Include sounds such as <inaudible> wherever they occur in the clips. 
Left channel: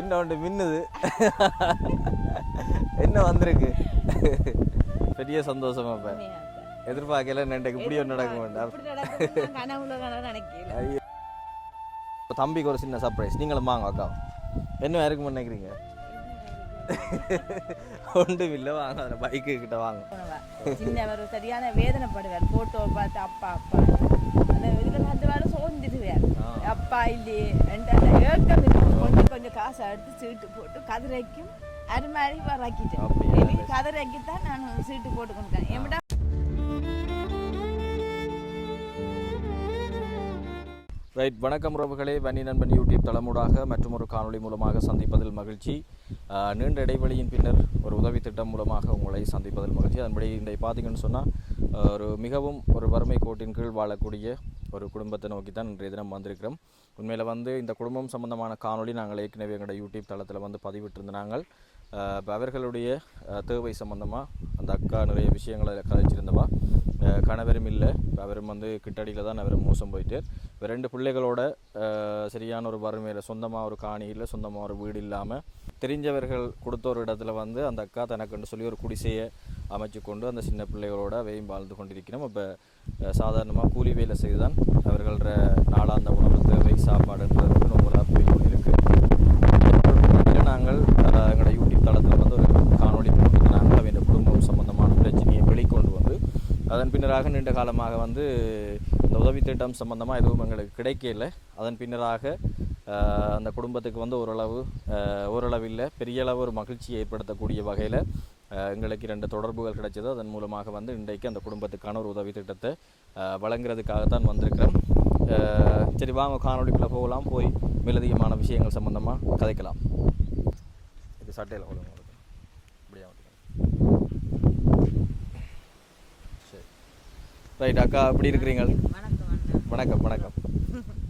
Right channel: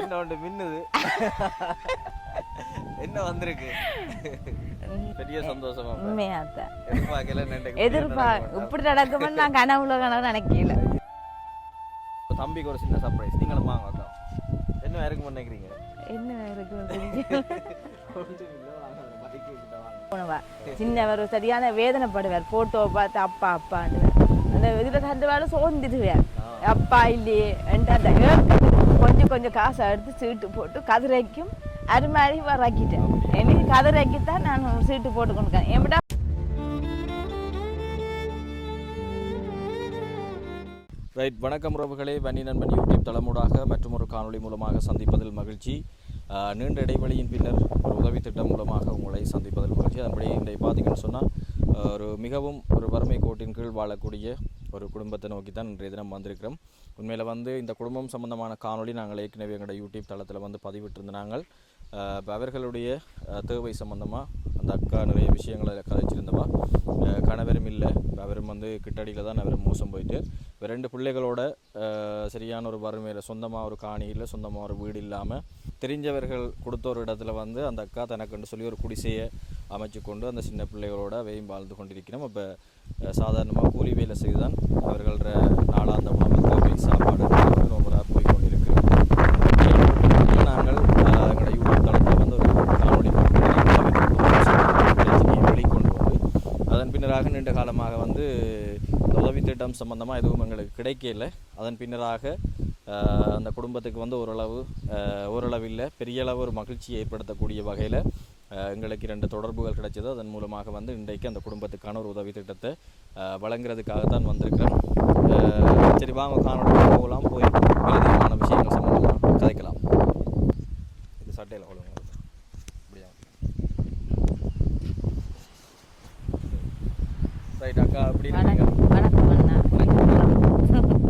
என்ன ஒன்று மின்னுது? என்ன வந்திருக்கு? பெரிய சந்தோஷமா எதிர்பார்க்கல இப்படி நடக்கும்னு. நான் கனவுல கனவு நினைக்கல. தம்பிக்கு ஒரு சின்ன சர்ப்ரைஸ் நீங்களும் வாங்க அக்கா. என்ன இருக்கும் நினைக்கிறீங்க என்ன ஒன்று இல்லை வாங்க அதில் பைக்கு கிட்ட வாங்க. சின்னவர் சரியான வேதனைப்படுவார். போட்டோ பார்த்து அப்பா அப்பா அந்த இதுல பேரும் சோர்ந்துடுவார் அப்பா இல்லையே ரெண்டு அந்த கொஞ்சம் கொஞ்சம் காசை எடுத்து சீட்டு போட்டு கதிரைக்கும் அது மாதிரி வராக்கிட்டேன். எனக்கு கதிரைக்கு தான் நான் சீட்டு போட்டு கொடுக்கேன் எப்படா ரைட் வணக்கம் உறவுகளே. வன்னி நண்பன் யூடியூப் தளமூடாக மற்றும் ஒரு காணொளி மூலமாக சந்திப்பதில் மகிழ்ச்சி. நீண்ட இடைவெளியின் பின்னர் ஒரு உதவி திட்டம் மூலமாக உங்களை சந்திப்பதில் மகிழ்ச்சி. அதன்படி இன்றைக்கு பார்த்தீங்கன்னு சொன்னால் ஒரு மிகவும் ஒரு வறுமை கோட்டின் கீழ் வாழக்கூடிய ஒரு குடும்பத்தை நோக்கி தான் இன்றைய தினம் வந்திருக்கிறோம். உண்மையில் வந்து இந்த குடும்பம் சம்பந்தமான காணொளி நாங்கள் ஏற்கனவே எங்களோட யூடியூப் தளத்தில் வந்து பதிவிட்டிருந்த நாங்கள். இப்போ அவர்களுடைய தேவை சம்மந்தமாக அந்த அக்கா நிறைய விஷயங்களை கதைச்சிருந்தவா? கணவரும் இல்லை. அவரும் வந்து கிட்டடியில் தான் அவர் மோசம் போயிட்டு. இப்போ ரெண்டு பிள்ளைகளோட சரியான ஒரு வறுமையில் சொந்தமாக ஒரு காணி இல்லை சொந்தமாக ஒரு வீடு இல்லாமல் தெரிஞ்சவர்கள் கொடுத்த ஒரு இடத்துல வந்து அந்த அக்கா தனக்குன்னு சொல்லி ஒரு குடிசையை அமைச்சு கொண்டு அந்த சின்ன பிள்ளைகளோட வெயும் வாழ்ந்து கொண்டிருக்கிறோம். இப்போ சாதாரணமாக கூலி வேலை செய்து தான் அவர்கள நாளாந்த உணவு தேவை சாப்பாடு நோம்பலாக போய் கொண்டிருக்கு இல்லை நாங்கள் ஆஹ், எங்களோட யூடியூப் தளத்தில் வந்து ஒரு காணொளி போட்டு நாங்கள் அவர் குடும்பம் சம்பந்தமான பிரச்சனையை வெளிக்கொண்டு வந்து அதன் பின்னராக நீண்ட காலமாக வந்து இந்த உதவி திட்டம் சம்பந்தமாக எதுவும் எங்களுக்கு கிடைக்கல. அதன் பின்னராக அந்த குடும்பத்துக்கு வந்து ஓரளவு ஓரளவில் ஓரளவு இல்லை பெரிய அளவு ஒரு மகிழ்ச்சியை ஏற்படுத்தக்கூடிய வகையில் எங்களுக்கு இரண்டு தொடர்புகள் கிடைச்சது. அதன் மூலமாக வந்து இன்றைக்கு அந்த குடும்பத்துக்கான ஒரு உதவி திட்டத்தை வழங்குறதுக்காகத்தான் வந்திருக்கிறேன் சரி வாங்க காணொலி போகலாம். போய் மேலதிகமான விஷயங்கள் சம்பந்தமாக கதைக்கலாம் இது சட்டையில் கொள்ளுங்க இப்படியா ரைட் அக்கா எப்படி இருக்கிறீங்க? வணக்கம்.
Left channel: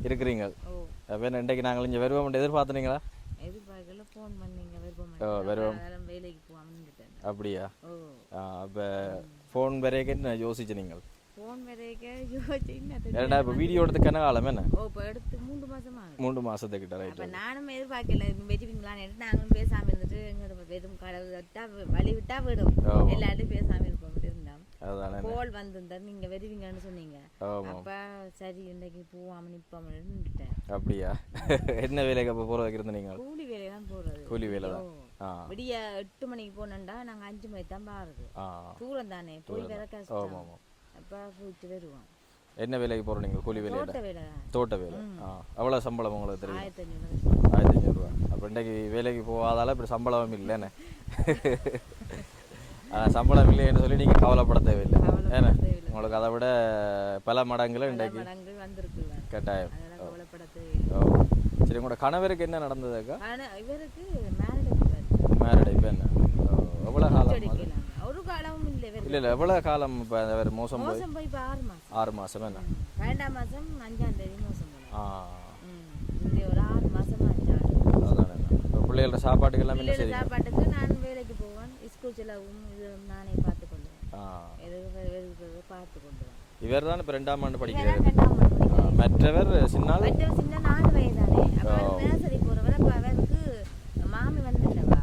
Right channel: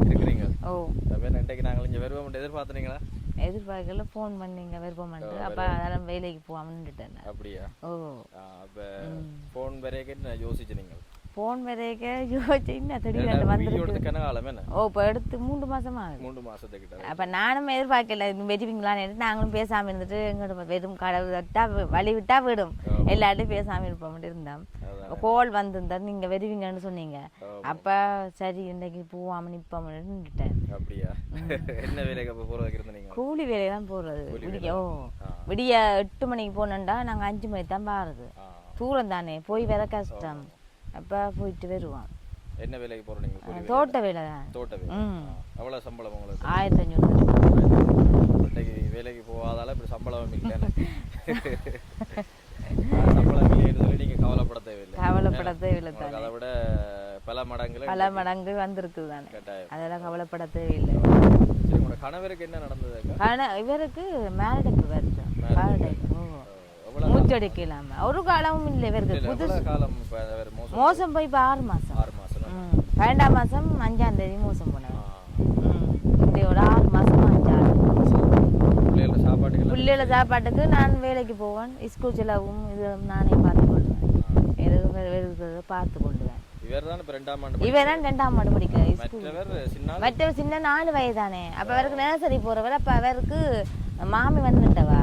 <laughs> இருக்கிறீங்க? ஓ. வேறு இன்றைக்கு நாங்கள் இங்கே வருவோம். எதிர்பார்த்தனீங்களா? எதிர்பார்க்கல. ஃபோன் பண்ணீங்க விருப்பம். அதெல்லாம் வேலைக்கு போகாமன்னுட்டேன் அப்படியா? ஓ. அப்போ ஃபோன் வரைக்கும் யோசிச்சு நீங்கள்? ஃபோன் வரைக்க யோசிச்சு இன்னும் ஏன்னா திடீர்னு வீடியோ எடுத்து என்ன காலம் என்ன ஓ இப்போ எடுத்து மூன்று மாசமா மூன்று மாசத்துக்கிட்ட அப்ப நானும் எதிர்பார்க்கல இது வெடிப்பீங்களான்னு நாங்களும் பேசாம இருந்துட்டு எங்களோட வெறும் கடவுள் விட்டா வழி விட்டா விடும் ஆமா. எல்லார்ட்டும் பேசாம இருப்போம் இருந்தோம். கோல் வந்திருந்தா நீங்க வெறுவீங்கன்னு சொன்னீங்க. அப்ப சரி இன்னைக்கு போவாம நிப்போம்னு நின்னுட்டேன் அப்படியா என்ன வேலைக்கு அப்போ போகிற வைக்கிறது நீங்கள் கூலி வேலை தான் போறது கூலி வேலை ஓ. விடிய எட்டு மணிக்கு போனோம்டா நாங்க அஞ்சு மணிக்கு தான் பாருது தூரம் தானே போய் வர கஷ்டம் அப்ப போயிட்டு வருவோம் என்ன வேலைக்கு போகிற நீங்கள் கூலி வேலை தோட்ட வேலை தான். தோட்ட வேலை. எவ்வளோ சம்பளம் உங்களுக்கு? ஆயிரத்தி அஞ்சூறு இப்ப இன்னைக்கு வேலைக்கு போகாதால இப்படி சம்பளம் இல்லைன்னு. சம்பளம் இல்லைன்னு சொல்லி நீங்கள் கவலைப்பட தேவையில்லை. கவலைப்பட தேவையில்லை. உங்களுக்கு அதை விட பல மடங்குல பல மடங்கு வந்திருக்குது தானே கட்டாயம். அதெல்லாம் கவலைப்பட தேவையில்லை. சரி உங்களோட கணவருக்கு என்ன நடந்தது இவருக்கு மேரேஜுக்கு வருது Marriage க்கு எவ்வளோ காலம் மூச்சடிக்கலாம ஒரு காலமும் இல்லை இல்லை இவருக்கு இல்லை எவ்வளோ காலம் மோசம் மோசம் போய் இப்போ ஆறு மாசம். ஆறு மாசம். பன்னெண்டாம் மாசம் அஞ்சாம் தேதி மோசம் போனார் ஆ. இந்த ஒரு ஆறு மாசம் அஞ்சாறு பிள்ளைகளோட சாப்பாட்டுக்கெல்லாம் பிள்ளைகள சாப்பாட்டுக்கு நான் வேலைக்கு போவேன். ஸ்கூல் செலவும் இது நானே பார்த்து கொள்வேன். வெறுக்கிறத பார்த்து கொள்வேன் இவர் தான் ரெண்டாம் ஆண்டு படிக்கிறார். இவன் தான் ரெண்டாம் ஆண்டு படிக்கிறேன் மற்றவர் சின்னால்? மற்ற சின்ன நாலு வயதானே. அப்ப அவருக்கு நேசரி போறவர் அப்ப அவருக்கு மாமி வந்துட்டவா?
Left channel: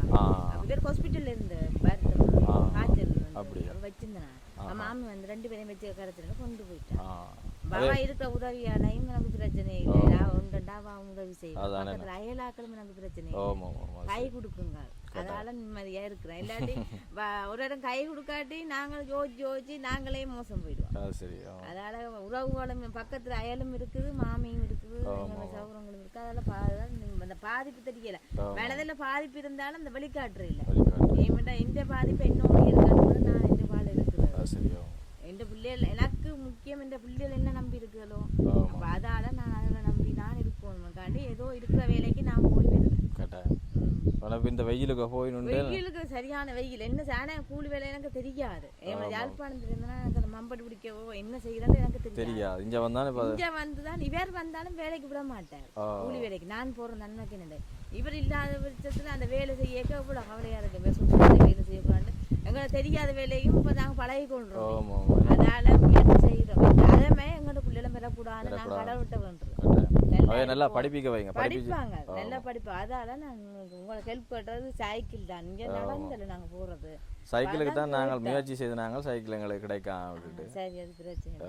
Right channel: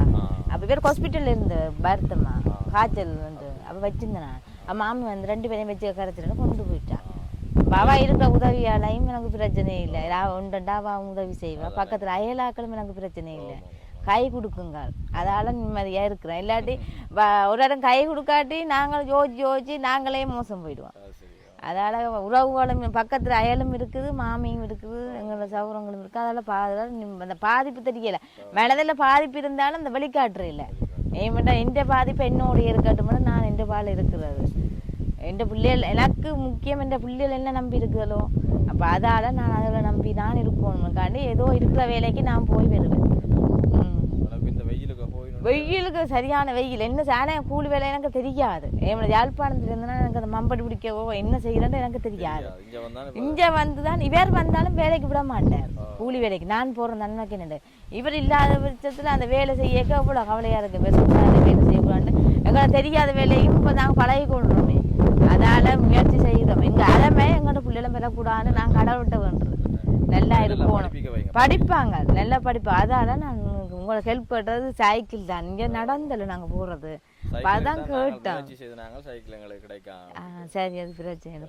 இவர் ஹாஸ்பிட்டல்ல இருந்து பருத்தமா காய்ச்சல் வந்து அப்ப வச்சிருந்தேன். அப்ப மாமி வந்து ரெண்டு பேரையும் வச்சு கரைச்சிட்டு கொண்டு போயிட்டான் பாபா இருக்க உதவியாலையும் எனக்கு பிரச்சனை இல்லை. நான் உண்டுண்டா அவ உதவி செய்வேன். பக்கத்துல அயலாக்களும் எனக்கு பிரச்சனை இல்லை. கை கொடுக்குங்க அதால நிம்மதியா இருக்கிறேன். இல்லாட்டி <laughs> ஒரு இடம் கை கொடுக்காட்டி நாங்கள் யோசிச்சு யோசிச்சு நாங்களே மோசம் போயிடுவோம். அதால உறவுகளும் பக்கத்துல அயலும் இருக்குது மாமியும் இருக்குது எங்களோட சௌரங்களும் இருக்கு அதால பா- அந்த பாதிப்பு தெரியல. மனதில் பாதிப்பு இருந்தாலும் அந்த வெளிக்காட்டுற இல்லை. ஏன்டா எந்த பாதிப்பு என்னோட இருக்கட்டும் நான் எந்த பால் இருக்கிறது. எந்த பிள்ளைகள் எனக்கு முக்கியம் என்ற பிள்ளைகள் என்ன நம்பி இருக்குதோ அப்ப அதால நான் அதில் நம்பி தான் இருக்கணும்காண்டி ஏதோ இருக்கிற வேலைக்கு நான் போய் வருவேன். ஆனா இந்த வெயிலுக்கு போய் வெயிலுக்கு சரியான வெயில். என்ன சாண கூலி வேலை எனக்கு தெரியாது. ஏன் யாழ்ப்பாணத்துல இருந்தனா எனக்கு அந்த மம்படி பிடிக்கவோ என்ன செய்யறேன்னு எனக்கு தெரியாது. தெரியா, இங்க வந்தா இப்ப இங்க வந்துதான் இவர் வந்தாலும் வேலைக்கு விட மாட்டார். கூலி வேலைக்கு. நான் போற நன்மைக்கு என்னண்டு இவர் இல்லாத பட்சத்துல அந்த வேலை செய்யக்க எவ்வளவு கவலையா இருக்கு. வேலை செய்யக்கூடாது எங்களுக்கு தெரியாத வேலையும் இப்ப நாங்க பழகி கொள்றோமே அதால முயற்சி செய்கிறோம் எங்க அறமே எங்களோட பிள்ளைகளை பெறக்கூடாதுன்னு நாங்க கடவுள்கிட்ட வேண்டுறோம் நல்லா படிப்பாங்க. நல்லா படிப்பாங்க அதால நான் உங்களை ஹெல்ப் பண்ணுறது சைக்கிள் தான். இங்கே நடந்தல நாங்க நாங்கள். முயற்சி செய்து நாங்கள் சைக்கிள் எங்களுக்கு கிடைக்கும் சரி அது பிரச்சனை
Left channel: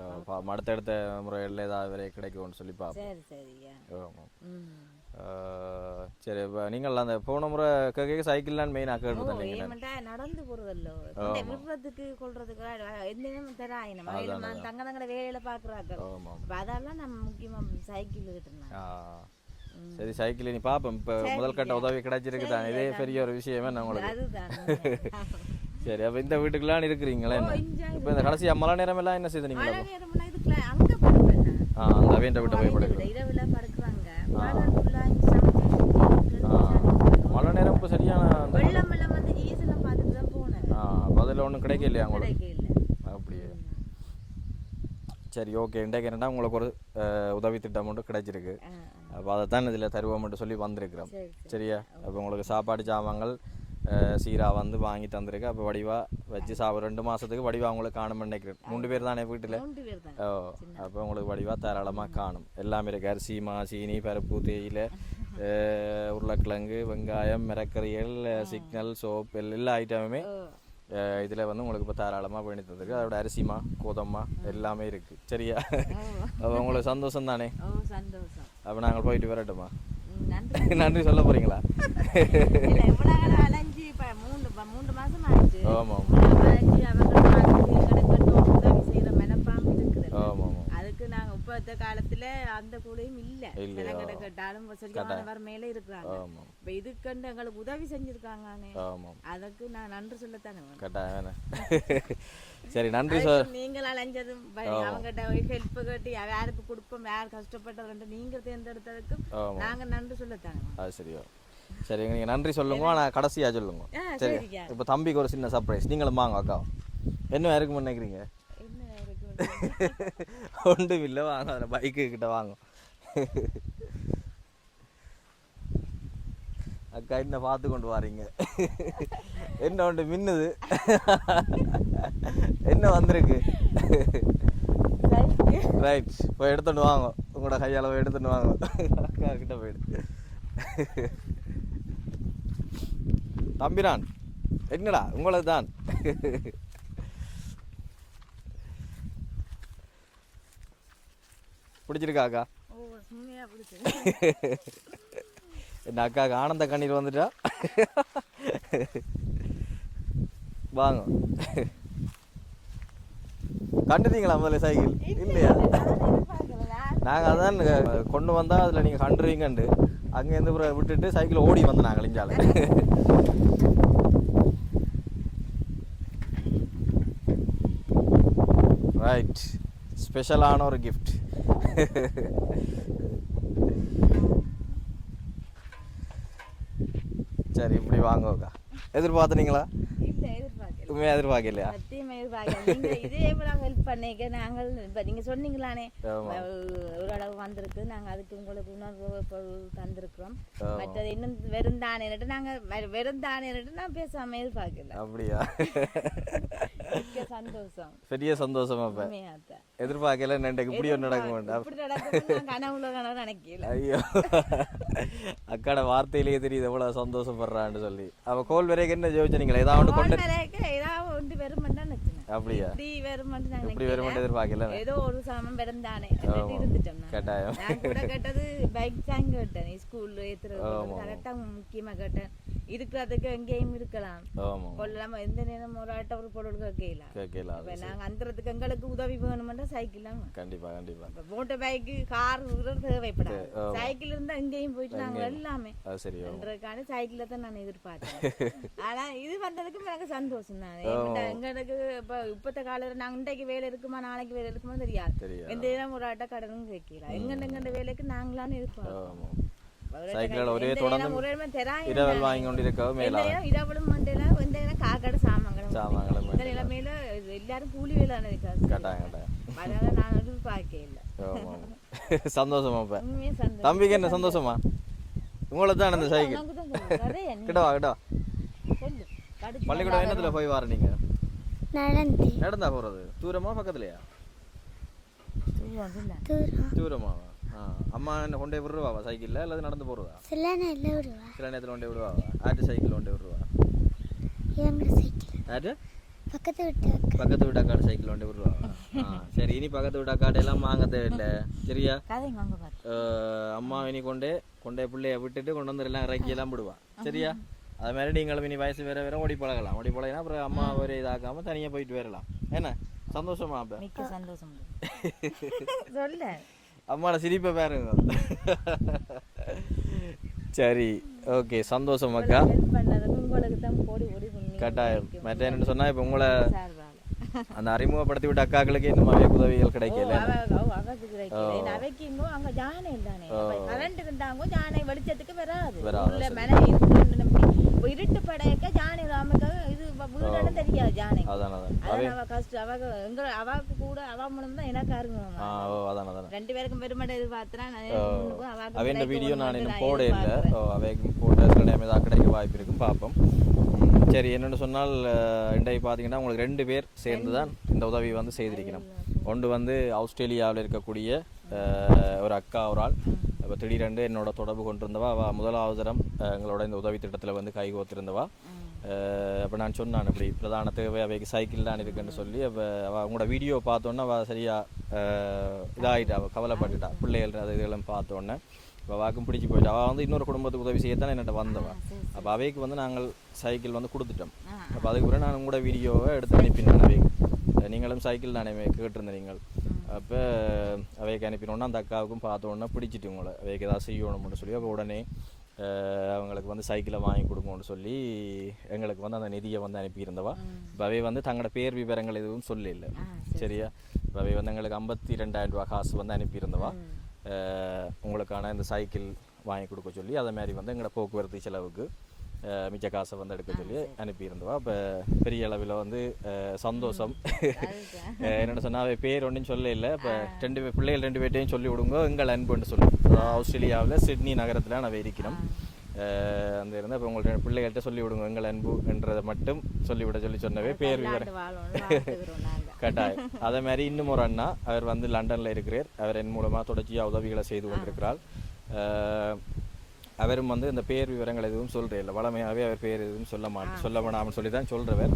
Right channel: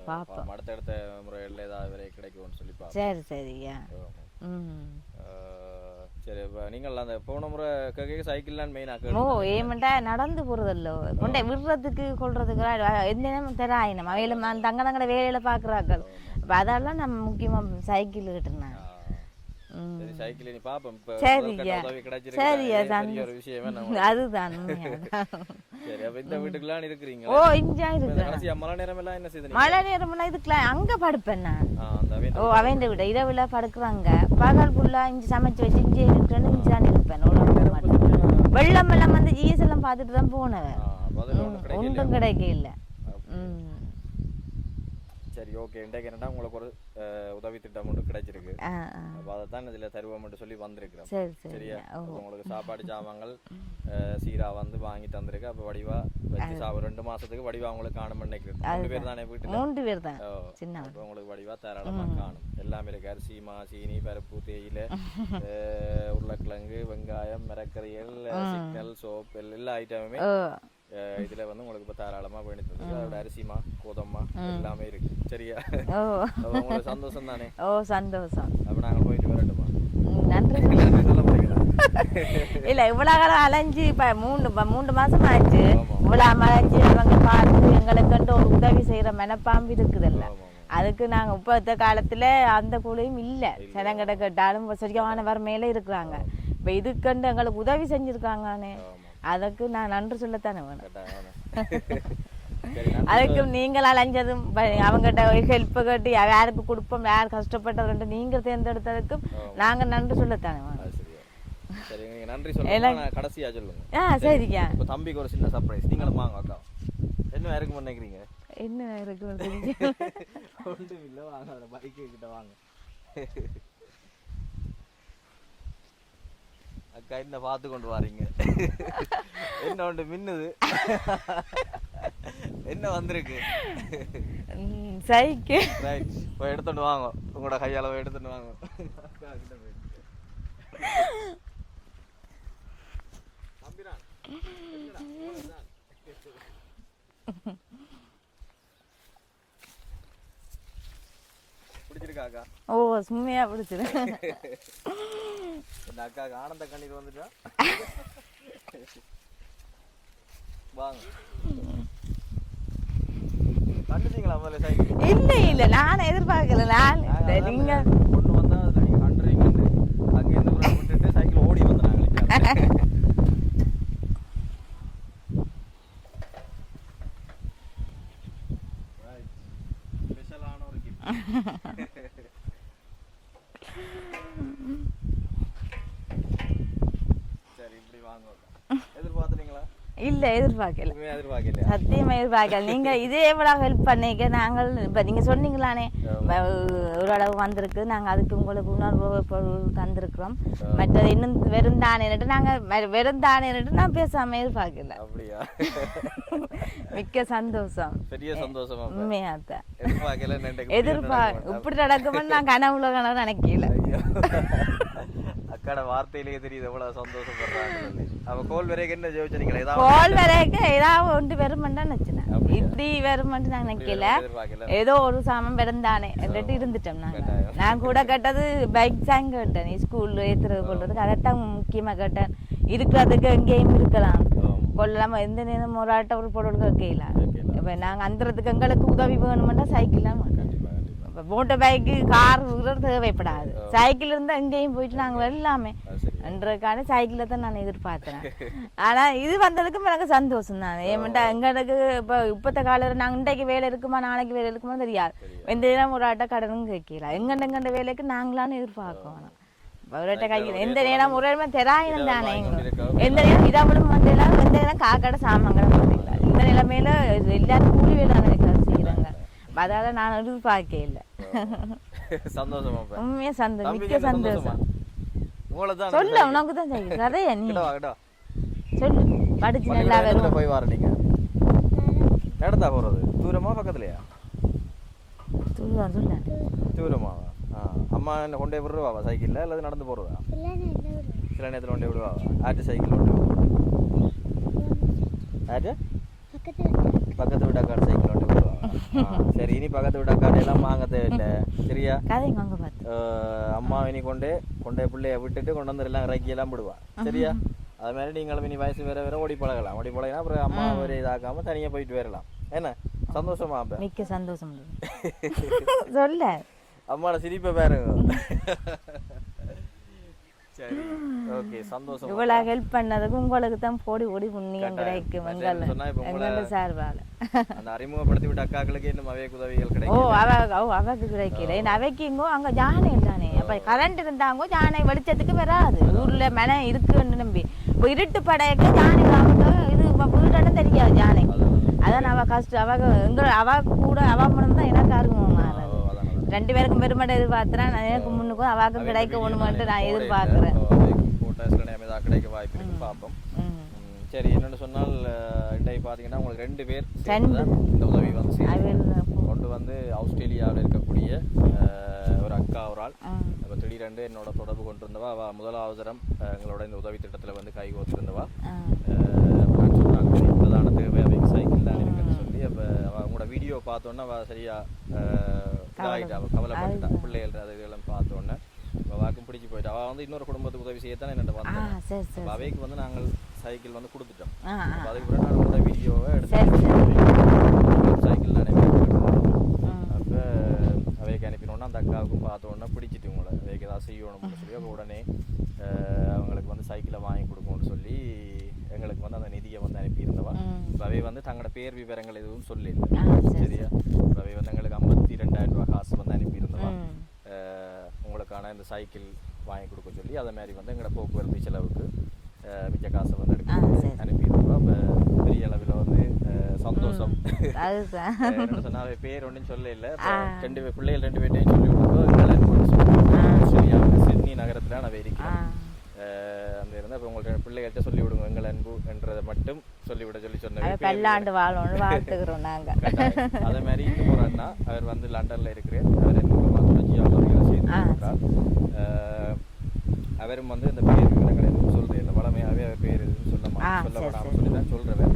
அடுத்தடுத்த முறையில் ஏதாவது வரை கிடைக்கும்னு சொல்லி பார்ப்போம் சரி சரியா ஆமா. ம் ஆஹ் சரி இப்போ நீங்கள் அந்த போன முறை கேட்க சைக்கிள்லாம் மெயினாக ஓ கேட்டு ஏமண்டா நடந்து போறதில்ல. கொண்டே விடுறதுக்கு கொள்றதுக்கு எந்த நேரம் தராயினம் அவையில தங்க தங்கட வேலையில பாக்குறாக்கள் அப்ப அதெல்லாம் நம்ம முக்கியமா சைக்கிள் கிட்டுனாங்க சரி சைக்கிள் நீ பாப்போம். இப்போ முதல் கட்ட. உதவி கிடைச்சிருக்கு சரி, ஒரு விஷயமே நம்ம <laughs> அதுதான். சரி அப்ப இந்த வீட்டுக்குலாம் இருக்கிறீங்களா? ஓ இஞ்சா இந்த கடைசியா மழை நேரம் எல்லாம் என்ன செய்து மழை நேரம்னா இதுக்குலாம் அங்க படுப்பேன் நான். ஓ அவன் விட இரவுல படுக்குவாங்க. பகல் ஃபுல்லா இங்க சமைச்சு வச்சு இஞ்சி இருக்குன்னு நேரம் வெள்ளம் எல்லாம் வந்து ஜீஸ் எல்லாம் பார்த்துட்டு தான் போனேன். ஆ, பதில் ஒன்றும் கிடைக்கலையா ஒண்ணும் கிடைக்க இல்ல அப்படி. ம். சரி ஓகே. இன்றைக்கு என்னடா உங்களுக்கு ஒரு உதவி திட்டம் ஒன்று கிடைச்சிருக்கு. அப்போ அதை தான் இதில் தருவோம்னு சொல்லி வந்திருக்கிறோம். சரி சரி. சரியா? அப்போ உங்களுக்கு சாப்பாடு ஜாமான்கள் சீரா வந்து வாங்கி தந்திருக்கு. அப்போ வடிவா வச்சு சாப்பிட ரெண்டு மாசத்துக்கு வடிவா உங்களுக்கு காணும் நினைக்கிறேன் மூணு பேர் தானே வீட்டில்? மூன்று பேர் தான். அப்போ உங்களுக்கு வடிவா தாராளமா காணும். எல்லாமே இருக்கு. அரிசி மா சீனி பருப்பு தேயிலை உருளைக்கிழங்கு வெங்காயம் மிரக்கறிகள் சிக்னல் சோப் எல்லா ஐட்டமுமே இதுல வந்து உங்களுக்கு இப்போ தாராளமா பண்ணி தந்திருக்கு. அதோட அரிசிமா கோதம்மா எல்லாமே இருக்கு. சரியா? அப்போ உங்களுக்கு சந்தோஷம் தானே? ஓ சந்தோஷம். அப்போ நாங்கள் போயிட்டு வரட்டுமா? நன்றி. <laughs> நன்றி சொல்ல போறீங்களா? இல்ல இவ்வளவு காலம் அலைஞ்சு இப்ப மூணு இப்ப மூன்று மாசம் ஆச்சு. இவ்வளவு அலைஞ்சு அவங்க பார்த்து எங்களுக்கு ஒரு உதவி செய்யற மனப்பாம்பு இருக்குதுல்ல. ஆமா அதுக்கு நாங்க இப்பத்த காலத்துல அந்த கூலியும் இல்ல. சிலங்கிட்ட கேட்டாலும் சரியான வறுமையில இருக்கிறாங்க. இப்ப இதுக்கண்டு எங்களுக்கு உதவி செஞ்சிருக்காங்கன்னு. அதுக்கு நான் நன்றி சொல்லத்தானே வேணும். <laughs> அதுக்கு நீங்கள் அலைஞ்சதும் அவங்ககிட்ட ஹெல்ப் கேட்டு யாருக்கு கொடுப்போம் யார் கஷ்டப்பட்டதுன்ட்டு நீங்க தேர்ந்தெடுத்ததுக்கு ஆமா. நாங்க நன்றி சொல்லத்தானே வேணும். சரி நீங்க நன்றி சொல்லுங்க. நான் கடைசியா சொல்லுங்க. சரிங்க இப்போ தம்பிக்கு ஒரு சின்ன சர்ப்ரைஸ் நீங்களும் வாங்க அக்கா. என்ன இருக்கும்னு நினைக்கிறீங்க? என்ன இருக்கு <laughs> ஒன்றும் இல்லை வாங்க பைக்கு கிட்ட வாங்க. <laughs> என்ன பார்த்து கொண்டு வாரீங்க. என்ன ஒன்று மின்னுது? என்ன வந்திருக்கு? சைக்கிள் ரைட் போய் எடுத்துட்டு வாங்க. உங்களோட கையால எடுத்துட்டு வாங்க. அக்கா கிட்ட போயிடு. தம்பிரான் என்னடா? உங்களது தான் பிடிச்சிருக்கா அக்கா? ஓ சும்மையா பிடிச்சிரு. என்ன அக்காவுக்கு ஆனந்த கண்ணீர் வந்துட்டா. வாங்க. கண்டுட்டீங்களா முதல்ல சைக்கிள்? இல்ல இல்ல நான் எதிர்பார்க்கல நான். நாங்க அதான் கொண்டு வந்தா அதுல நீங்க கண்டுறீங்கண்டு அங்கேருந்து அப்புறம் விட்டுட்டு சைக்கிள் ஓடி வந்து நாங்க அழிக்காது ரைட் ஸ்பெஷலான ஒரு கிஃப்ட் <laughs> சரி இப்படி வாங்க எதிர்பார்த்துனீங்களா இல்ல எதிர்பார்க்கல. உண்மையா எதிர்பார்க்கலையா? சத்தியமா எதிர்பார்க்கல. நீங்க இதே எவ்வளவு ஹெல்ப் பண்ணீங்க? நாங்கள் இப்ப நீங்க சொன்னீங்களானே. அளவு வந்திருக்கு. நாங்க அதுக்கு உங்களுக்கு உணர்வு பொருள் தந்திருக்கிறோம். மற்றது இன்னும் வெறும் தானேன்ட்டு நாங்க வெறும் தானேன்ட்டு நான் பேசாம எதிர்பார்க்கல. அப்படியா? மிக்க சந்தோஷம். பெரிய சந்தோஷமா அப்ப. உண்மையாத்தான் எதிர்பார்க்கல இப்படி நடக்கும்னு நான் கனவுல கனவு நினைக்கல. ஐயோ. அக்காட வார்த்தையிலேயே தெரியுது எவ்வளவு சந்தோஷப்படுறான்னு சொல்லி அவ கோல் வரைக்கும் என்ன ஜோதிச்சீங்களா ஏதாவது கோல் வரைக்கும் ஏதாவது ஒன்று வச்சுனேன் அப்படியா? இப்படி வெறுமண்டு நான் நினைக்கல ஏதோ ஒரு சாமம் பிறந்தானே என்கிட்ட இருந்துட்டோம் கட்டாயம். நான் கூட கேட்டது பைக் தான் கேட்டேன் ஸ்கூல்ல ஏத்துறது கொள்றதுக்கு அதைத்தான் முக்கியமா கேட்டேன் இருக்கிறதுக்கு எங்கேயும் இருக்கலாம் கொள்ளாம எந்த நேரம் ஒரு ஆட்ட ஒரு பொருள் கேட்கல. இப்ப நாங்க அந்தறதுக்கு எங்களுக்கு உதவி வேணுமெண்டா சைக்கிள் தான் வேணும். கண்டிப்பா கண்டிப்பா மோட்டர் பைக்கு கார் தேவைப்படாது. சைக்கிள் இருந்தா எங்கேயும் போயிட்டு நாங்க எல்லாமே. என்றதுக்கான சைக்கிளை தான் நான் எதிர்பார்த்தேன் <laughs> ஆனா இது வந்ததுக்கும் எனக்கு சந்தோஷம் தான். ஏமாட்டா எங்களுக்கு இப்ப இப்பத்த காலம் நாங்க இன்றைக்கு வேலை இருக்குமா நாளைக்கு வேலை இருக்குமா தெரியாது. எந்த நேரம் ஒரு ஆட்ட கடனும் கேட்கல. எங்கண்ட எங்கண்ட வேலைக்கு நாங்களான்னு எதிர்பார்க்கணும். எந்த நேரம் ஒரு நேரம் தானே. கொண்டிருக்க எந்த நேரம் இரவலும் வந்து எல்லாம் எந்த நேரம் காக்கடை சாமான்கள். இந்த நிலைமையில எல்லாரும் கூலி வேலை நினைக்கிறாங்க அதால நான் எதிர்பார்க்க இல்லை. சந்தோஷமா அப்ப உண்மையா சந்தோஷம் தம்பிக்கு என்ன சந்தோஷமா உங்களுக்கு தான் சொல்ல உனக்கு தான் தெரியும் நிறைய நீ கிட்ட வா கிட்ட வா. சொல்லு படிச்சு நல்லா வரும் போய் வர நீங்க நடந்தா போறது தூரமா பக்கத்துலயா. தூரமாவா ஆ அம்மா என்ன கொண்டே விடுவாவா சைக்கிளில் அல்லது நடந்து போகிறதா சில விடுவா நேரத்தில் கொண்டே விடுவாவா ஆட்டு சைக்கிள் கொண்டே விடுவா ஆட்டு பக்கத்து வீட்டு பக்கத்து சைக்கிள் கொண்டு விடுவாவா ஆ சரி இனி பக்கத்து வீட்டாக்காடு எல்லாம் வாங்க தேவையில்லை. சரியா? அம்மா இனி கொண்டு கொண்டே பிள்ளைய விட்டுட்டு கொண்டு வந்து எல்லாம் இறக்கி எல்லாம் விடுவா. சரியா? அது மாதிரி நீங்களும் இனி வயசு வேற வேற ஓடி பழகலாம். ஓடி பழகினா அப்புறம் அம்மா ஒரு இதாக்காம தனியாக போயிட்டு வரலாம். என்ன? சந்தோஷமா அப்ப? மிக்க சந்தோஷம். <laughs> சொல்ல. அம்மாட சிரிப்பை பாருங்க. சரி. ஓகே சந்தோஷம் இவ்வளோ ஹெல்ப் பண்ணதுக்கு உங்களுக்கு தான் போடி ஓடி புண்ணியம் சொன்னா இப்ப உங்களை- சார்பால அந்த அறிமுகப்படுத்தி விட்ட அக்காக்களுக்கு இந்த மாதிரி உதவிகள் ஓ கிடைக்கும் அவ அவ அவக்கு அவைக்குங்கோ அங்க ஜானை தானே. அப்ப கரண்ட் இருந்தாங்க ஜானை வெளிச்சத்துக்கு வராது. ஊர்ல மழை இருக்குன்னு நம்பி. இப்போ இருட்டு படையக்க ஜானை அவங்க இது இப்போ வீடு தெரியாது ஜானை அதான் அவ கஷ்டம் அவ எங்க அவ கூட அவ மூலம் தான் எனக்கு அறிமுகமா ஆ, ஓ, அதான் அதான் ரெண்டு பேருக்கும் பெருமடை எதிர்பார்த்துறேன் நான் எனக்கு முன்னுக்கும் அவாக்கும் கிடைக்க ஒண்ணுமென்ட்டு நான். எதிர்பார்க்கிறேன் கிடைக்க வாய்ப்பு இருக்கு பார்ப்போம். சரி என்னன்னு சொன்னால் இன்றைக்கு பார்த்தீங்கன்னா உங்களுக்கு ரெண்டு பேர் சேர்ந்து தான் இந்த உதவி வந்து செய்யுங்க கொண்டு வந்து ஆஸ்திரேலியாவில் இருக்கக்கூடிய ஒரு அக்கா ஒரு ஆள். இப்போ திடீரென்று என்னோட தொடர்பு கொண்டிருந்தவா அவள் முதலாவது தரம் அஹ், எங்களோட இந்த உதவி திட்டத்தில் வந்து கை கோத்திருந்தவா. அப்போ நான் சொன்னான் இப்போ இப்போதான தேவை அவைக்கு சைக்கிள் தான் இருக்குன்னு சொல்லி. அப்போ அவள் அவங்களோட வீடியோ பார்த்தோன்னே அவள் சரியா இதாகிட்டா அவள் கவலைப்பட்டுட்டா. பிள்ளைகள் அதுகளெல்லாம் பார்த்தோன்னே இப்போ வாக்கும் பிடிச்சி போயிட்டா. அவள் வந்து இன்னொரு குடும்பத்துக்கு உதவி செய்யத்தான் என்னட்ட வந்தவன் அப்போ அவைக்கு வந்து நாங்கள் சைக்கிள் வந்து கொடுத்துட்டோம். அப்போ அதுக்கு பிறகு நான் உங்களோட வீடியோவை எடுத்து அனுப்பி நீங்கள் சைக்கிள் தானே கேட்டுருந்தீங்க. அப்போ அவைக்கு அனுப்பினோன்னா அந்த அக்காவுக்கும் பார்த்தோன்னா பிடிச்சிட்டு உங்களை அவைக்கு ஏதாவது செய்யணும்னு சொல்லி அப்போ உடனே அவங்களுக்கு வந்து சைக்கிளை வாங்கி கொடுக்கணும்னு சொல்லி எங்களுக்கு வந்து அந்த நிதியை வந்து அனுப்பியிருந்தவா இப்போ அவை வந்து தங்களோட பேர் விவரங்கள் எதுவும் சொல்லல சரியா இப்போ அவை வந்து எங்களுக்கு ஐம்பத்தி ரெண்டாயிரம் ரூபாய் காசு வந்து அனுப்பியிருந்தவா உங்களுக்கான இந்த சைக்கிள் வாங்கி கொடுக்க சொல்லி அதே மாதிரி வந்து எங்களோட போக்குவரத்து செலவுக்கு மிச்ச காசை வந்து எடுக்க அனுப்பியிருந்தோம் அப்போ பெரிய அளவில் வந்து சந்தோஷம். அதுதான். அஹ், என்னோட சொன்னா அவ பேர் ஒன்றும் சொல்ல இல்லை. ரெண்டு பேர் பிள்ளைகள் ரெண்டு பேர்ட்டையும் சொல்லி விடுங்க எங்கள் அன்புன்னு சொல்லி ஆஸ்திரேலியாவில் சிட்னி நகரத்தில் நான் இருக்கிறேன் அந்த இருந்தால் இப்போ உங்கள்ட்ட பிள்ளைகள்கிட்ட சொல்லி விடுங்க எங்கள் அன்பு என்றதை மட்டும் சொல்லிவிட சொல்லி கட்டாயம். அதே மாதிரி இன்னும் ஒரு அண்ணா அவர் வந்து லண்டன்ல இருக்கிறார். அவர் என் மூலமா தொடர்ச்சியாக உதவிகளை செய்து கொண்டிருக்கிறார். அஹ், அவரும் வந்து இந்த பேர் விவரங்கள் எதுவும் சொல்றது இல்லை. வளமையாகவே அவர் பேர் எதுவும் சொல்ல மா சொல்ல வேணாம்னு சொல்லி தான் சொல்றவர்.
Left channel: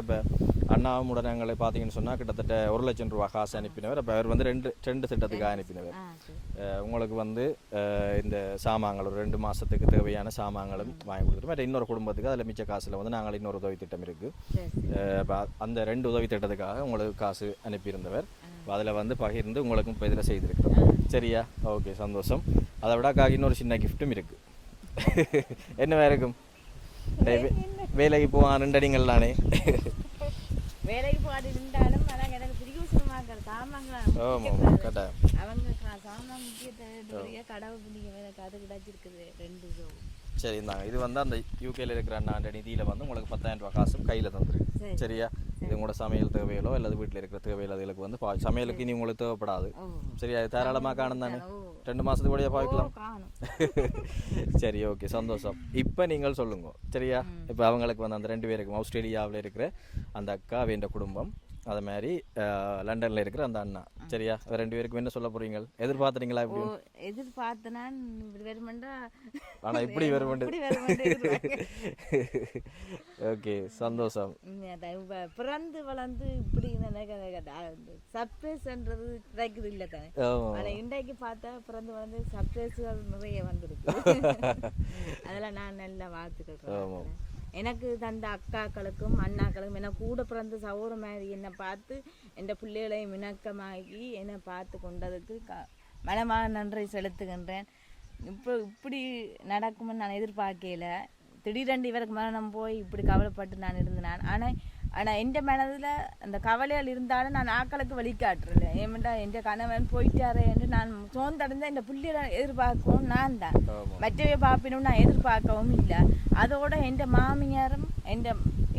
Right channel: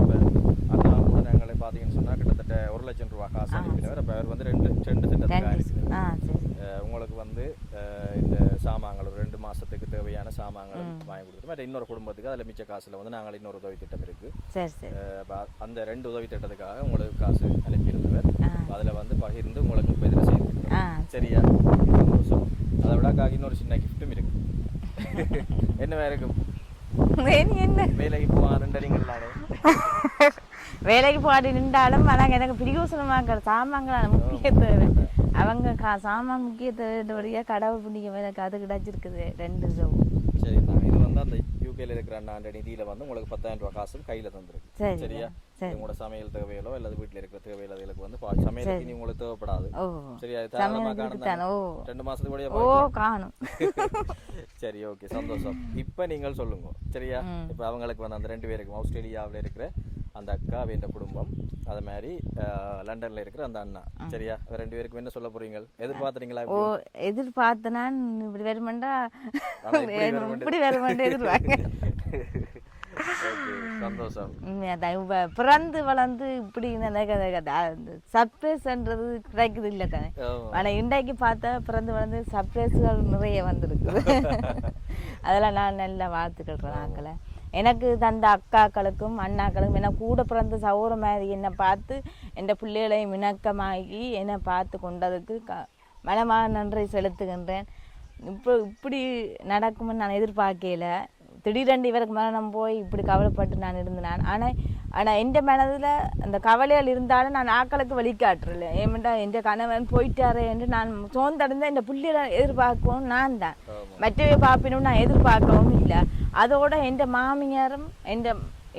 அப்ப அண்ணாவும் உடனே எங்களை பார்த்தீங்கன்னு சொன்னா கிட்டத்தட்ட ஒரு லட்சம் ரூபாய் காசு அனுப்பினவர். அப்ப அவர் வந்து ரெண்டு ரெண்டு திட்டத்துக்கு அனுப்பினவர் உங்களுக்கு வந்து இந்த சாமான்கள் ஒரு ரெண்டு மாசத்துக்கு தேவையான சாமான்களும் வாங்கி கொடுத்துட்டு மற்ற இன்னொரு குடும்பத்துக்கு அதில் மிச்ச காசுல வந்து நாங்கள் இன்னொரு உதவி திட்டம் இருக்கு. சரி சரி. அஹ் அப்ப அந்த ரெண்டு உதவி திட்டத்துக்காக உங்களுக்கு காசு அனுப்பியிருந்தவர். அதுல வந்து பகிர்ந்து உங்களுக்கு இப்போ இதில் செய்திருக்கிறோம் சரியா? ஓகே சந்தோஷம். அதை விட இன்னொரு சின்ன கிஃப்ட்டும் இருக்கு. இருக்கும்? வேறு என்ன? வேலைக்கு போவான் ரெண்டு அடிங்கள் நானே. வேலைக்கு போகாட்டி நின்றாலும் ஆனால் எனக்கு பிரியோசனமாக சாமான்கள் முக்கியத்துவம். அவங்க கா சாமான் முக்கியத்துவம் கடவுள் புண்ணியம் எனக்கு அது கிடைச்சிருக்குது ரெண்டு சரி இது வந்து அந்த யூகேல இருக்கிற அந்த நிதியில வந்து உங்களுக்கு பத்தாயிரம் ரூபாய் காசு கையில தந்துருக்கு சரி. சரியா உங்களோட சமையல் தேவைகளோ அல்லது வீட்டில் இருக்கிற தேவைகள் அதுகளுக்கு வந்து சமையலுக்கு இனி உங்களுக்கு தேவைப்படாது சரியா தாராளமா காணும் ரெண்டு மாசத்துக்கு பார்க்கலாம் காணும் சரி ஓகே சந்தோஷம் இப்போ நீங்கள் சொல்லுங்க சரியா இப்போ அவங்களுக்கு வந்து அந்த ரெண்டு பேருக்கும் ஆஸ்திரேலியாவில் இருக்கிற அந்த அக்கா வேண்ட குடும்பம். அது மாதிரி லண்டன்ல இருக்கிற அந்த அண்ணா. சரியா? ரெண்டு பேருக்கும் என்ன சொல்ல போறீங்க? எதிர்பார்த்துறீங்களா ஓ எதிர்பார்த்தனா இப்படி வருமெண்டா? இப்படி வருமெண்டு- எதிர்பார்க்க. ஓகே சந்தோஷம். பிறந்து வளர்ந்து இப்படி சர்ப்ரைஸ்ன்றது கிடைக்குது இல்லை தானே? ஆமா. ஆனா இன்றைக்கு பார்த்தா பிறந்து வளர்ந்து சர்ப்ரைஸ்கள் நிறைய வந்திருக்கு. <laughs> அதெல்லாம் நான் நல்லா வாழ்த்துக்கிறேன் நாங்கள எனக்கு தந்த அக்காக்களுக்கும் அண்ணாக்களுக்கும் என்ன கூட பிறந்த சௌர மாதிரி என்னை பார்த்து என் பிள்ளைகளையும் இணக்கமாகி என்னை பார்த்து கொண்டதுக்கு க மனமான நன்றி செலுத்துகின்றேன். இப்போ இப்படி நடக்கும்னு நான் எதிர்பார்க்கல திடீரென்று இவருக்கு மரணம் போய் இப்படி கவலைப்பட்டு நான் இருந்தேன். ஆனால் ஆனால் எந்த மனதில் அந்த கவலைகள் இருந்தாலும் நான் ஆக்களுக்கு வழிகாட்டுறல ஏமெண்டா என் கணவன் போயிட்டாரே என்று நான் சோர்ந்தடைந்த இந்த புள்ளிகளை எதிர்பார்க்கவும் நான் தான். மற்றவை பார்ப்பினும் நான் எதிர்பார்க்கவும் இல்லை. அதோட என் மாமியாரும் என்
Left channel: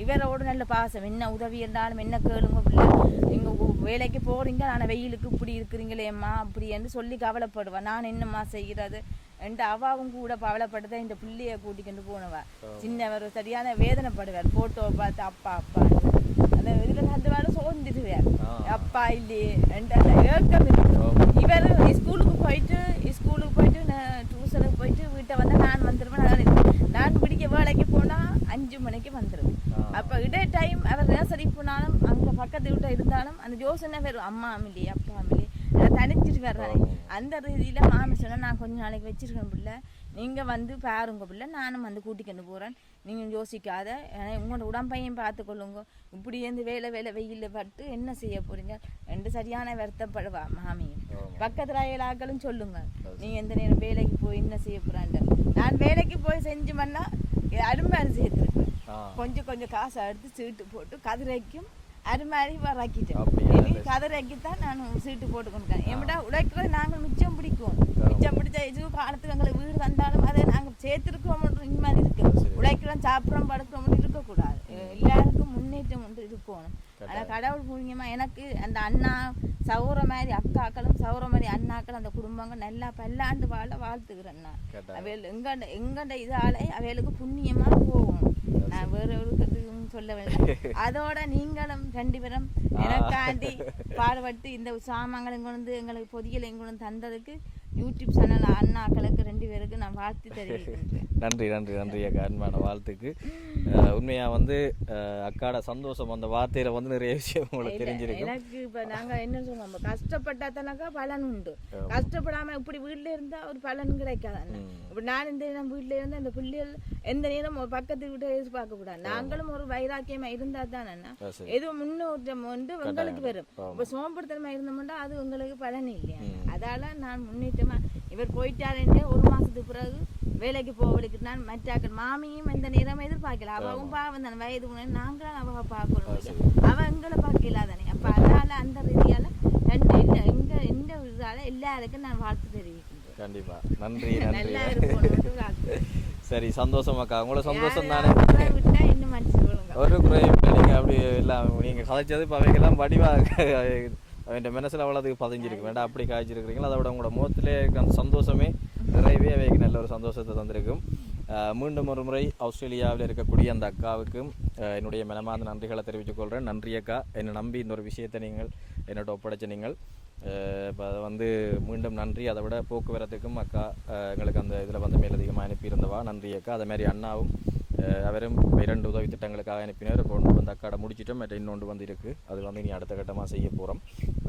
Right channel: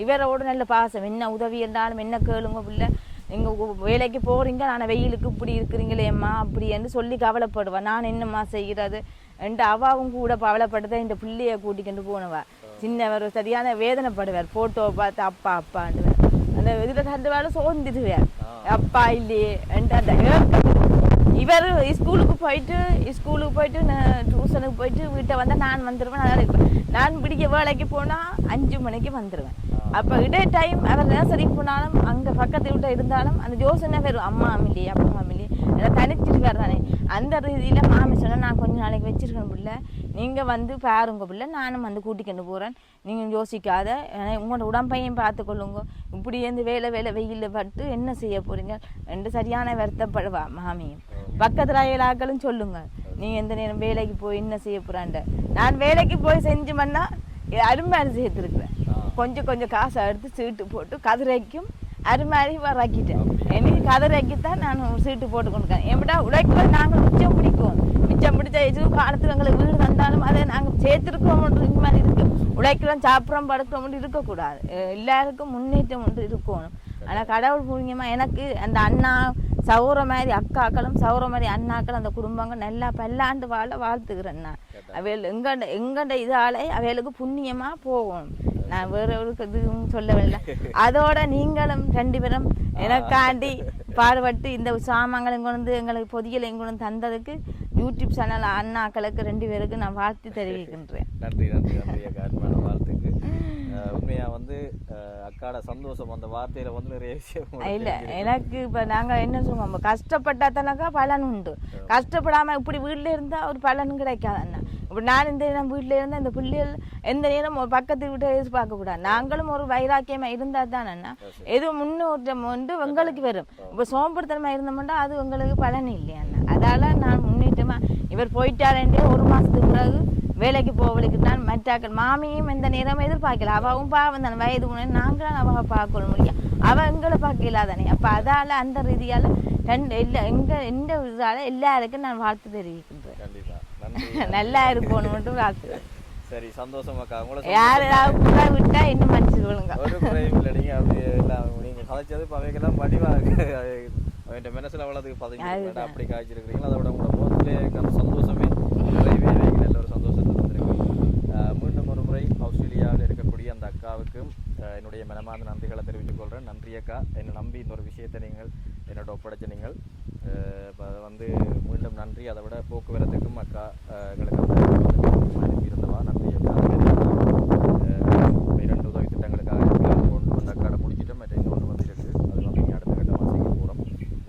இவரோட நல்ல பாசம். என்ன உதவி இருந்தாலும் என்ன கேளுங்க பிள்ளை. நீங்கள் வேலைக்கு போகிறீங்க ஆனால் வெயிலுக்கு இப்படி இருக்கிறீங்களேம்மா அப்படி என்று சொல்லி கவலைப்படுவேன் நான் என்னம்மா செய்கிறது? என்று அவாவும் கூட கவலைப்பட்டு இந்த பிள்ளைய கூட்டிக்கிட்டு போனவா. சின்னவர் சரியான வேதனைப்படுவார். ஃபோட்டோவை பார்த்து அப்பா அப்பான்னு அந்த இதுல பேரும் சோர்ந்துடுவேன் அப்பா இல்லையே ரெண்டு அந்த ஏக்கம் இவர் ஸ்கூலுக்கு போயிட்டு ஸ்கூலுக்கு போயிட்டு நான் டியூஷனுக்கு போயிட்டு வீட்டை வந்தால் நான் வந்துடுவேன் நல்லா இருப்பேன் நான் பிடிக்க வேலைக்கு போனால் அஞ்சு மணிக்கு வந்துடுவேன் அப்போ இடை டைம் அவர் சரி போனாலும் அங்கே பக்கத்து வீட்டை இருந்தாலும் அந்த யோசனை வரும். அம்மா அமிலி அப்பா அமிலி அதை தனிச்சிட்டு வர்றானே அந்த ரீதியில் மாமி சொன்னால் நான் கொஞ்சம் நாளைக்கு வச்சிருக்கேன் பிள்ளை. நீங்கள் வந்து பாருங்க பிள்ளை. நானும் வந்து கூட்டிக்கொண்டு போகிறேன் நீங்கள் யோசிக்காத. ஏன்னா உங்களோட உடம்பையும் பார்த்துக்கொள்ளுங்க. இப்படி இருந்து வேலை வேலை வெயிலில் பட்டு என்ன செய்ய போகிறீங்க ரெண்டு சரியான வருத்தப்படுவா மாமியும் பக்கத்தில் அயலாக்களும் சொல்லுங்க. நீ எந்த நேரம் வேலைக்கு போய் என்ன செய்ய போகிறான்ட நான் வேலைக்கு போய் செஞ்சு பண்ணா அருமாரி சேர்த்துருக்குறேன் கொஞ்சம் கொஞ்சம் காசை எடுத்து சீட்டு போட்டு கதிரைக்கும் அருமாரி வராக்கிட்டேன். எனக்கு கதிரைக்கு தான் நான் சீட்டு போட்டு கொடுக்கேன் எப்படா உழைக்கல நாங்கள் மிச்சம் பிடிக்கும். மிச்சம் பிடிச்ச இது காலத்தில் எங்களுக்கு வீடு தந்தாலும் அதை நாங்கள் சேர்த்துருக்கோம் இந்த மாதிரி இருக்கு. உழைக்கிறோம் சாப்பிட்றோம் படுக்கிறோம் இருக்கக்கூடாது. எல்லாருக்கும் முன்னேற்றம் ஒன்று இருக்கணும். ஆனால் கடவுள் புண்ணியமாக எனக்கு அந்த அண்ணா சௌர மாதிரி அக்காக்களும் சௌர மாதிரி அண்ணாக்கள் அந்த குடும்பங்கள் நல்லா பல்லாண்டு வாழ வாழ்த்துக்கிறேன் நான் அவைகள் எங்கண்ட எங்கண்ட இதாலே அவைகளுக்கு புண்ணியமாக போகணும் நான் வேற எதுவும் சொல்லவில்லை. அதோட நீங்களும் ரெண்டு பேரும் எனக்காண்டி பாடுபட்டு இந்த சாமான்களை இங்கே வந்து எங்களுக்கு பொதியில் இங்கே வந்து தந்ததுக்கு யூடியூப் சேனல் அண்ணாக்களுக்கு ரெண்டு பேருக்கு நான் வாழ்த்து தெரிவிக்கின்றேன். நன்றி நன்றி நன்றி அக்கா. அன்பான வாழ்த்துக்கு அஹ், உண்மையா வந்து அக்காட சந்தோஷம் அந்த வார்த்தையில வந்து நிறைய விஷயம் இல்ல. எனக்கு இப்ப நாங்க என்ன சொல்லுவோம் கஷ்டப்பட்டா தானக்கா பலன் உண்டு. கஷ்டப்படாம இப்படி வீட்ல இருந்தா ஒரு பலன் கிடைக்காது இப்ப நான் இந்த நேரம் வீட்ல இருந்தா இந்த பிள்ளைகள் எந்த நேரம் பக்கத்து வீட்டை எதிர்பார்க்க கூடாது. நாங்களும் ஒரு வைராக்கியமா இருந்தா தான் அண்ணா. எது முன்னேற்றம் வந்து உங்களுக்கு வரும். இப்ப சோம்பேறித்தனமா இருந்தோம்னா அது உங்களுக்கு பலன் இல்லையா அண்ணா. அதால நான் முன்னேற்றமா இவர் போயிட்டாரே ஒரு மாசத்துக்கு பிறகு வேலைக்கு போவளுக்கு தான் மற்றாக்கள் மாமியும் இந்த நேரம் எதிர்பார்க்கல. அவவும் பாவம் தானே வயது முன்னே நாங்களும் அவ பார்க்கணும் முடியும் அவ எங்களை பார்க்க இல்லாதானே? அப்ப அதால அந்த ரீதியால ரெண்டு இல்லை எங்க எந்த இதால எல்லாருக்கும் நான் வாழ்த்து தெரிவிக்கின்றேன். கண்டிப்பா. நன்றி நல்லா இருக்கணும்னு வாழ்த்து. சரி சந்தோஷம் அக்கா. உங்களை யார் சந்தோஷம் ஏதாவது புறா விட்டா என்ன மன்னிச்சுக்கொள்ளுங்க ஒரு குறையும் இல்லை. நீங்க அப்படி எல்லாம் நீங்க கதைச்சது இப்போ அவைக்கெல்லாம் வடிவா அவன் மனசுல அவ்வளோதுக்கு பதிஞ்சு வேண்டாம் அப்படி காய்ச்சிருக்கிறீங்களா? அதோட உங்களோட முகத்திலே சந்தோஷமே நிறையவே நல்ல ஒரு மீண்டும் ஒரு முறை ஆஸ்திரேலியாவில் இருக்கக்கூடிய அந்த அக்காவுக்கும் என்னுடைய மனமார்ந்த நன்றிகளை தெரிவித்துக் கொள்கிறேன் நன்றி அக்கா. என்னை நம்பி இந்த ஒரு விஷயத்தை நீங்கள் என்னோட ஒப்படைச்ச நீங்கள். இப்போ அதை வந்து மீண்டும் நன்றி. அதை விட போக்குவரத்துக்கும் அக்கா எங்களுக்கு அந்த வந்து அதிகமாக அனுப்பியிருந்தவா. நன்றி அக்கா. அதே மாதிரி அண்ணா இரண்டு உதவி திட்டங்களுக்காக கொண்டு வந்து அக்காடை முடிச்சிட்டோம். மற்ற இன்னொன்று வந்து இருக்குது அது வந்து இனி அடுத்த கட்டமாக செய்ய போகிறோம்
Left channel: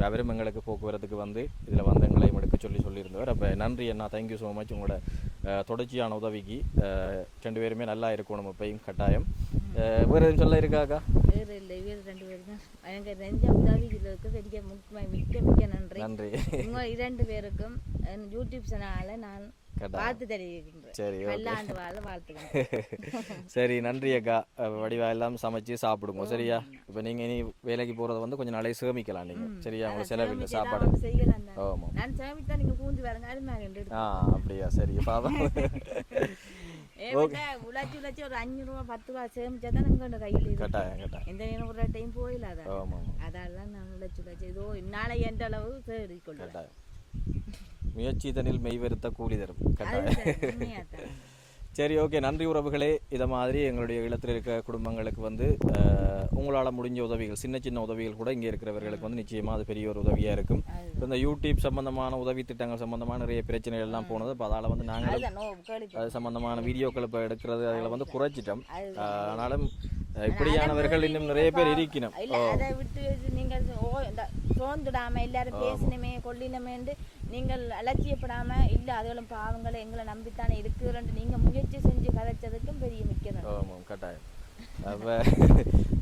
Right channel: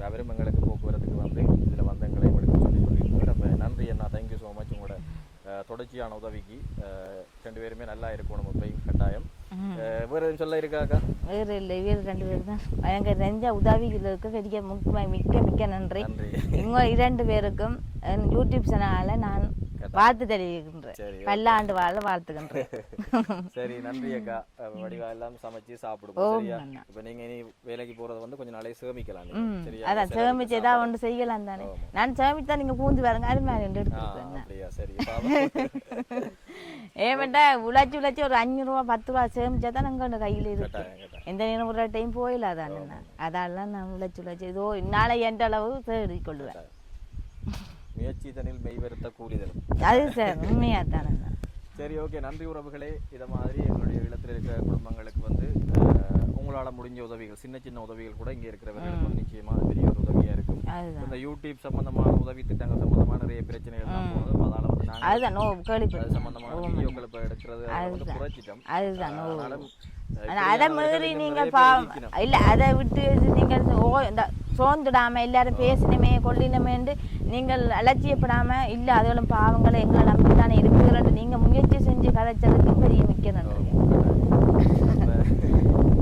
அவரும் எங்களுக்கு போக்குவரத்துக்கு வந்து இதில் வந்து எங்களையும் எடுக்க சொல்லி சொல்லியிருந்தவர். அப்போ நன்றி அண்ணா. தேங்க்யூ ஸோ மச் உங்களோட தொடர்ச்சியான உதவிக்கு ரெண்டு பேருமே நல்லா இருக்கணும் இப்பயும் கட்டாயம். அஹ், வேறு எதுவும் சொல்ல இருக்காக்கா வேறு இல்லை வேறு ரெண்டு பேர் தான் எனக்கு நெஞ்ச உதவிகள் இருக்க. பெரிய முக்கிய மிக்க மிக்க நன்றி. நன்றி. உங்க இரண்டு பேருக்கும் யூடியூப் சேனலால நான் வாழ்த்து தெரிவிக்கின்றேன் பல்லாண்டு வாழ வாழ்த்துக்கின்றேன் <laughs> சரி நன்றி அக்கா. வடிவா எல்லாம் சமைச்சு சாப்பிடுங்க சரியா? இப்போ நீங்கள் இனி வேலைக்கு போகிறத வந்து கொஞ்சம் நாளைக்கு சேமிக்கலாம் நீங்கள் சரியா? அதான் சேமிச்சு. ஏதாவது ஒன்று செய்யலாம் தானே. நான் சேமிச்சா நீங்க பூந்து பாருங்க அது மாதிரி அப்படியா சரி அதான் <laughs> ஏமாட்டா உழைச்சி உழைச்சி ஒரு அஞ்சு ரூபா பத்து ரூபா சேமிச்சா தான் நாங்கள் ஒன்று கையில் இருக்கு. எந்த நேரம் ஒரு டைம் போயிடாதானே அதெல்லாம் நான் உழைச்சி உழைச்சி ஏதோ நாளை எந்த அளவு தேடி கொள்ளுவேன் முயற்சி தனில் மெய்வருத்த கூலி தரும் சார் ஓகே. நன்றி உறவுகளே. இதை மாதிரி எங்களுடைய இல்லத்தில் இருக்கிற குடும்பங்களுக்கு வந்து உங்களால் முடிஞ்ச உதவிகள் சின்ன சின்ன உதவிகள் கூட இங்கே இருக்கிறவர்களுக்கு வந்து நிச்சயமாக அது பெரிய ஒரு உதவியாக இருக்கும். இந்த யூடியூப் சம்பந்தமான உதவி திட்டங்கள் சம்பந்தமான நிறைய பிரச்சனைகள் எல்லாம் போனது இப்போ அதால் வந்து நாங்கள் அது சம்பந்தமான வீடியோக்கள் இப்போ எடுக்கிறது அதை வந்து குறைச்சிட்டோம். அதுதான் அஹ், ஆனாலும் அஹ், ஆனா அதை இப்படியானவர்கள் முதலில் இன்னும் நீங்க நிறைய பா- பேர் இருக்கணும். இல்ல அதை விட்டு நீங்கள் ஓ இந்த சோர்ந்துடாம எல்லாரும் பேசினமே கொள்ளினமேண்டு நீங்கள் அலட்சியப்படாம இல்ல அதுகளும் பாவங்களை எங்களை நம்பித்தானே இருக்குதுன்னு நீங்க முயற்சி செஞ்சு கதைச்சதுக்கு பெரிய மிக்க நன்றி.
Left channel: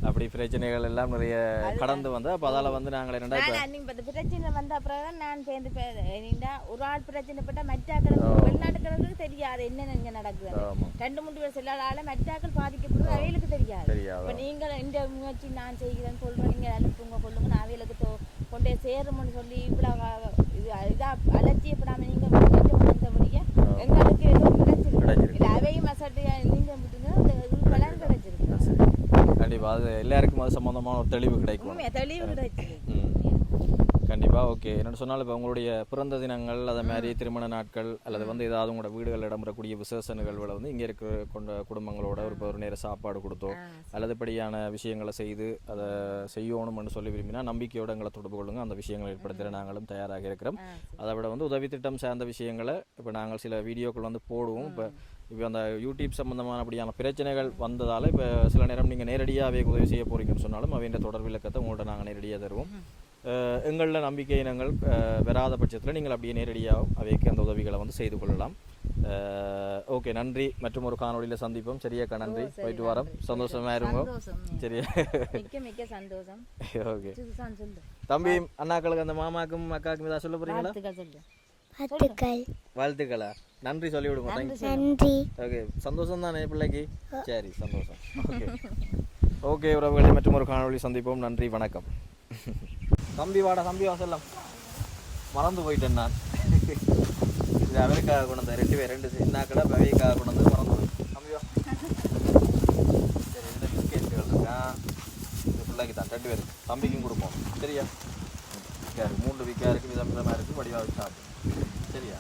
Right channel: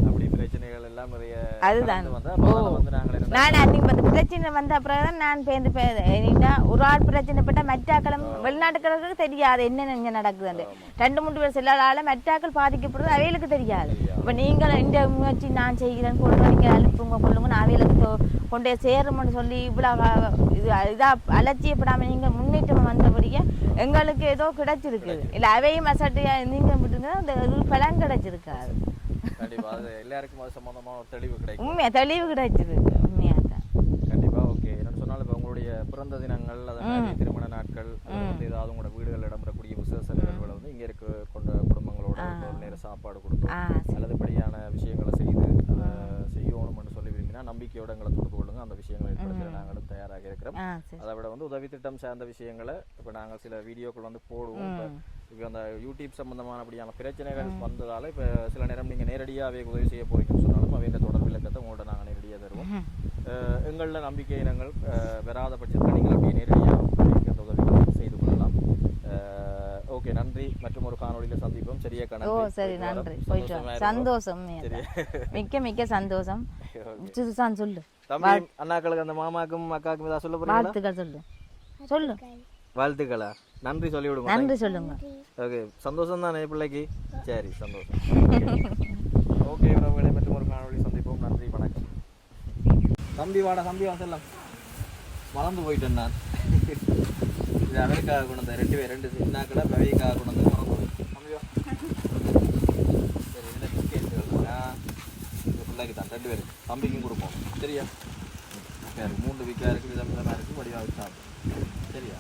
அப்படி பிரச்சனைகள் எல்லாம் நிறைய. கடந்து வந்தா அப்போ வந்து நாங்கள் நான் அன்னைக்கு வந்து பிரச்சனை வந்த அப்புறம் நான் பேருந்து பேருந்தா ஒரு ஆள் பிரச்சனைப்பட்ட மற்றாக்களும் வெளிநாட்டுக்களுக்கு தெரியாது என்ன இங்க நடக்குது ரெண்டு மூணு பேர் செல்லாதால மற்றாக்கள் பாதிக்கப்படுறது அவைகளுக்கு தெரியாது. இப்ப நீங்கள் இந்த முயற்சி நான் செய்கிறேன் கொடுங்க நீங்க அனுப்புங்க கொள்ளுங்க அவைகளுக்கு கொண்டே சேரும்னு சொல்லி இவ்வளவு இது இதா அலட்சியப்படாம நீங்க முன்னேற்றம் வந்தபடியே எங்களுக்கு ஏதோ கிடைச்சிருக்கு. இல்ல அவையும் அசட்டியா நீங்க விட்டுங்க அந்த இது பலன் கிடைச்சிருக்காது. கண்டிப்பா அது எல்லாருக்கும் அது சம்பந்தமான ஒரு தெளிவு கிடைக்கும். தெளிவு கிடைச்சிருக்கு. உண்மையா தான். கண்டிப்பா கண்டிப்பா ஓகே என்னென்னு சொன்னால் இப்போ உங்களுடைய பிறந்த தினங்கள் அதே மாதிரி திருமண நாட்கள் அல்லது வந்து ஏதாவது உங்களோட வீடுகளில் இடம்பெறக்கூடிய விசேஷ நிகழ்வுகளை வந்து இங்கே இருக்க கொண்ட குடும்பங்களோட ஒரு ஒரு நேர சாப்பாடு கொடுத்தோம். ஆ, அல்லதுபடியான விஷயங்களை செய்து அதை செய்யணும்னு சொல்லி விரும்பினா நம்பிக்கையோட எங்களை தொடர்பு கொள்ளுங்க. அந்த விஷயங்களை ஏற்படுத்த நாங்களும் தயாராக இருக்கிறோம். அதை விட வந்து உதவி திட்டம் சார்ந்த விஷயங்களை இப்போ நாங்கள் சில வீடியோக்கள் வந்து போடுவோம். இப்போ இப்போ அந்த யூடியூப் சம்பந்தமான அப்படியான பிரச்சனைகள் வந்ததால் இப்போ சில நேரம் நீங்கள் நேரடியாகவே உதவி செய்ய போறீங்கன்னு சொன்னாலும் அவையின் தொடர்பு இலக்கத்தை உங்கள்கிட்ட நாங்கள் நேரடியாக தருவோம். எங்களில் நம்பிக்கை இனங்கள் வராத பட்சத்தில் நீங்கள் அப்படியே நேரடியாக அவைக்கு அந்த உதவிகளை வந்து செய்து கொள்ளலாம். ஓகே நன்றி. <laughs> மற்றும் ஒரு காணொளியில் சந்திப்போம். சரியா கணக்கு சந்தோஷமா சந்தோஷம் சரி. மிக்க மிக்க சந்தோஷம். சுசான் சொல்லு. தம்பி அண்ணாக்களுக்கு அந்த மாமாக்கும் அக்காவுக்கும் ஏதாவது சொல்ல போறீங்களா? வாழ்த்துக்கள் சொல்லு. வாழ்த்துக்கள். நன்றி சொல்லி விடுங்க. நன்றி ஓகே சந்தோஷம் தானே பிள்ளைக்கு? சரி சந்தோஷம். ஓகே உறவுகளை மற்றும் ஒரு காணொளி சந்திப்போம். நன்றி வணக்கம். <laughs> தம்பி வாடா தம்பி வாசல்லாம் மறந்து போயிட்டேன் நான். இது அவருக்காக கொண்டு வந்தேன் ரெண்டு பேர் ரெண்டு சின்ன கூட அவைக்காக கொண்டு வந்து மறந்து போயிட்டேன். தம்பி வா. சரி என்ன பிஸ்கெட் இருக்கா இந்த பிள்ளைக்கு தான் ரெண்டு பேருக்கு. தம்பிக்கும் கொடுப்போம். சரியா? சரி மூன்று வீக்காக இருக்குது விதம் விதமாக இருக்குது வடிவாக சாப்பிடும் சரியா?